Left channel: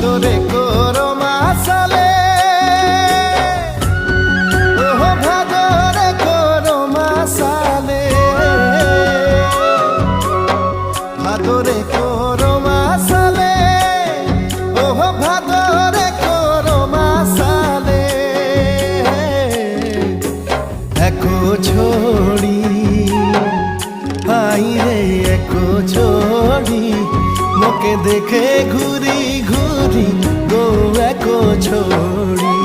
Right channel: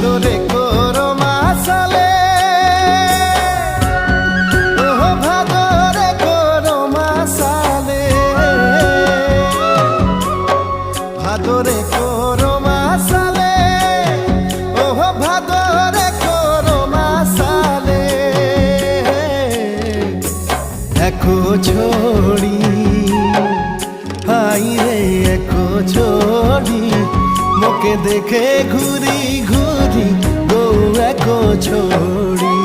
ভাদরে করো মাসালে, ওহ ভাদরে করো মাসালে, ভাদরে করো মাসালে, ওহ ভাদরে করো মাসালে। একো ছড়ি হাই রে একো ছড়ি, মোকে দেখে ঘুরি ঘুরি গো একো ছড়ি।